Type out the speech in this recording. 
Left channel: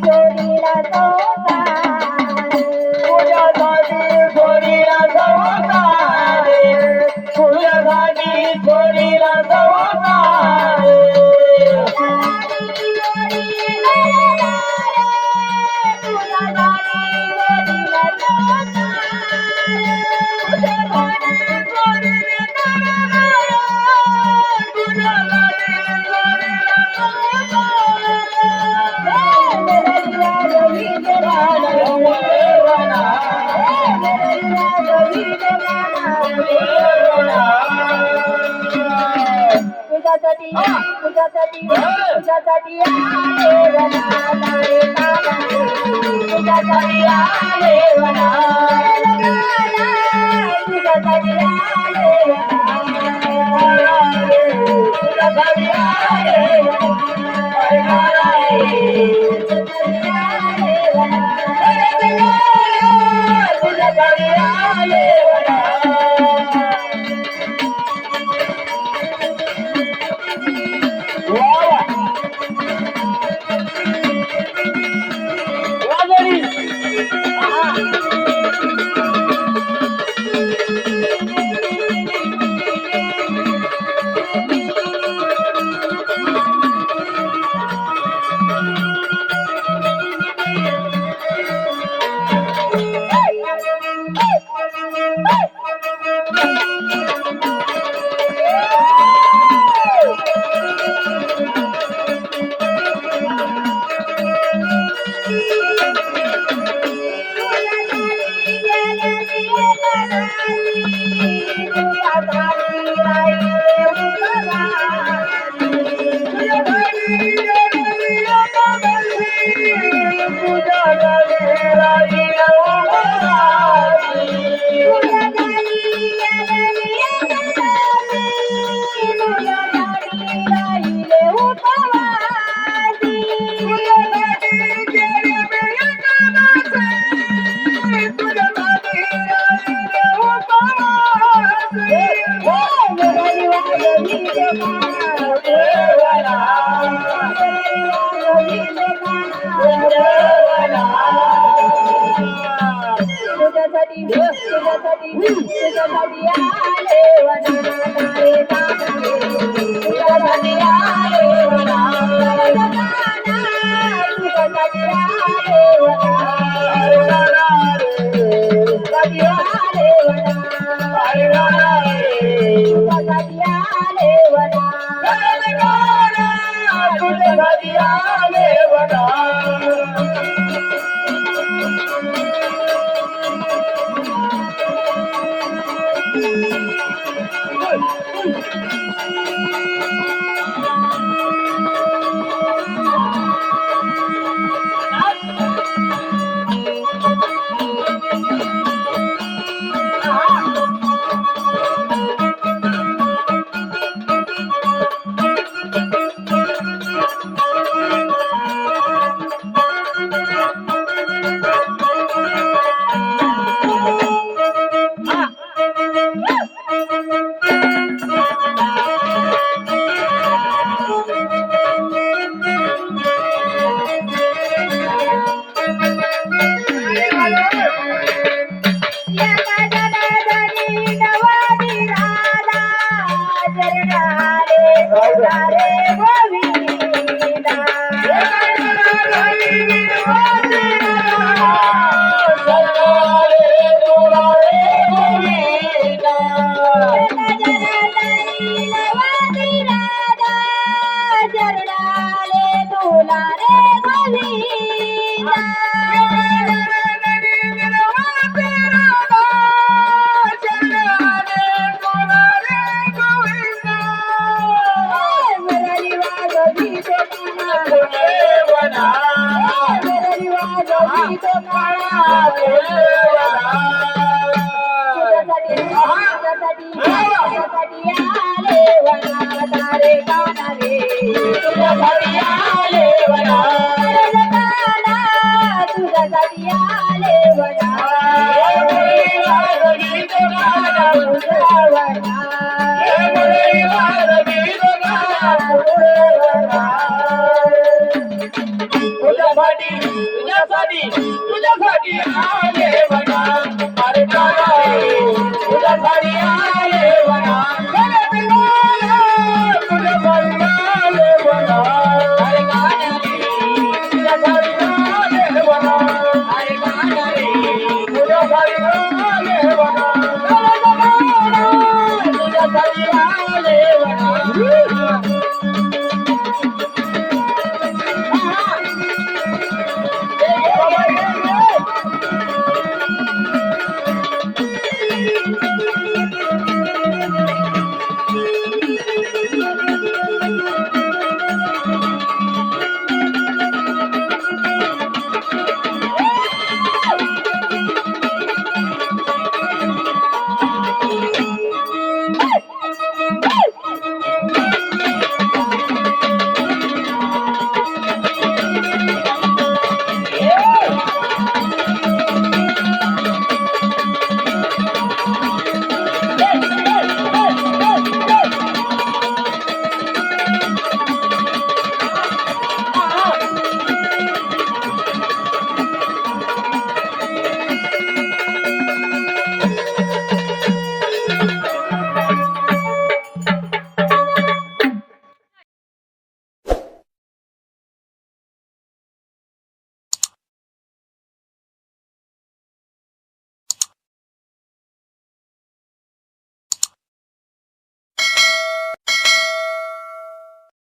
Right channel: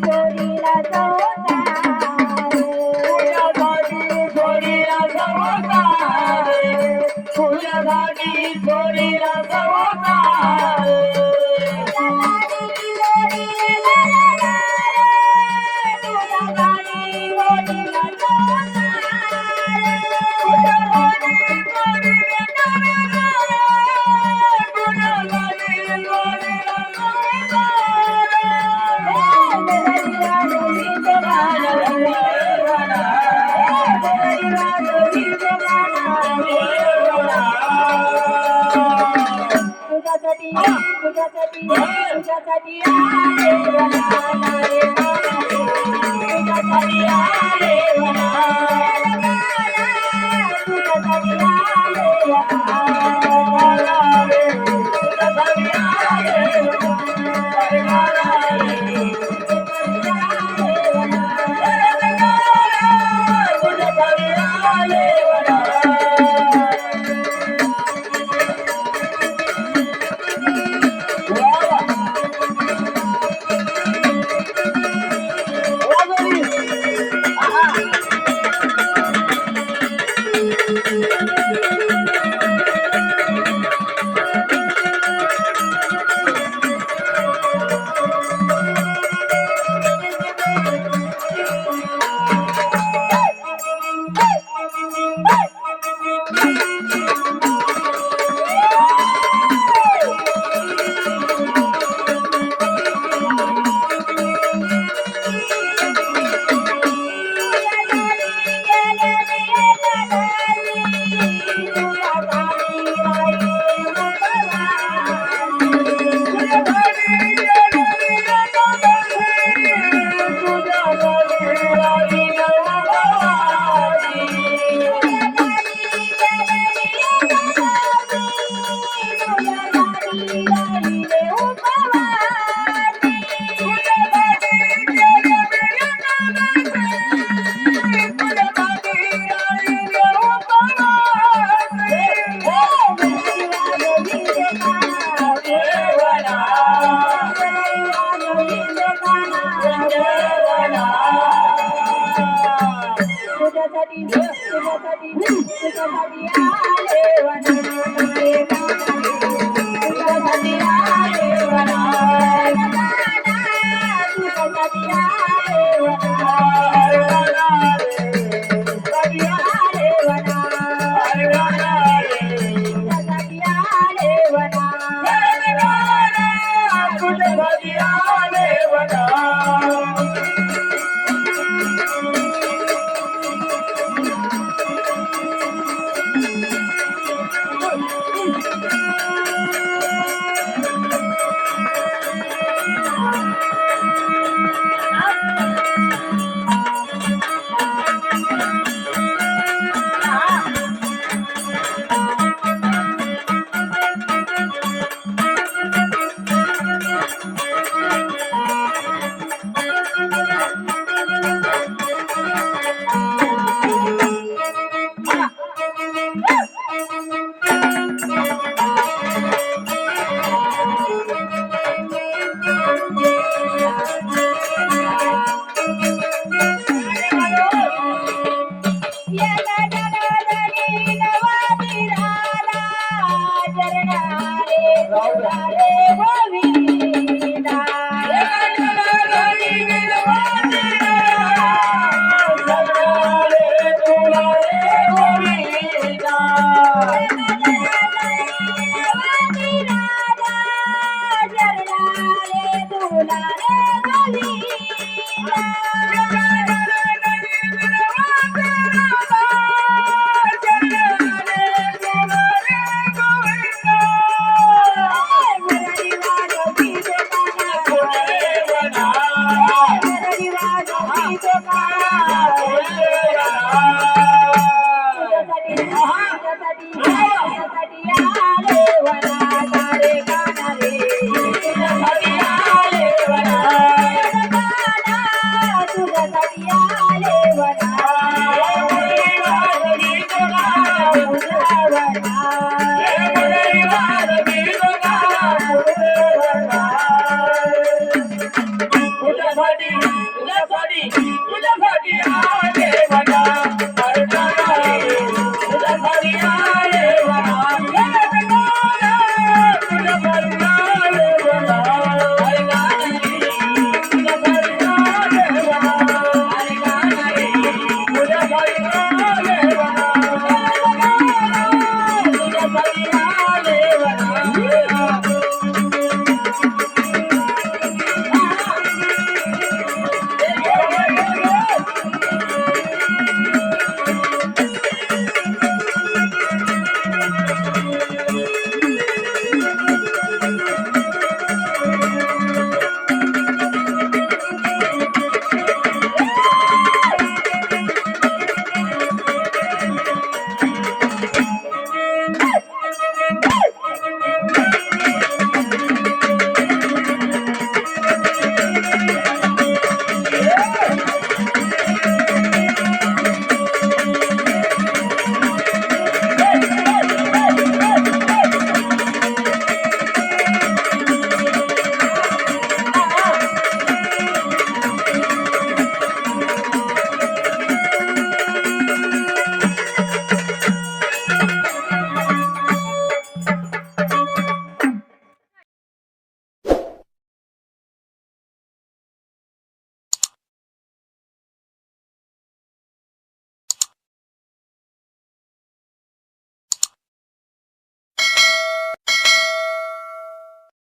যায় तुझ्यासाठी तुझ्यासाठी तुझ्यासाठी तुझ्यासाठी ఉంటుంది శరణారే oh yeah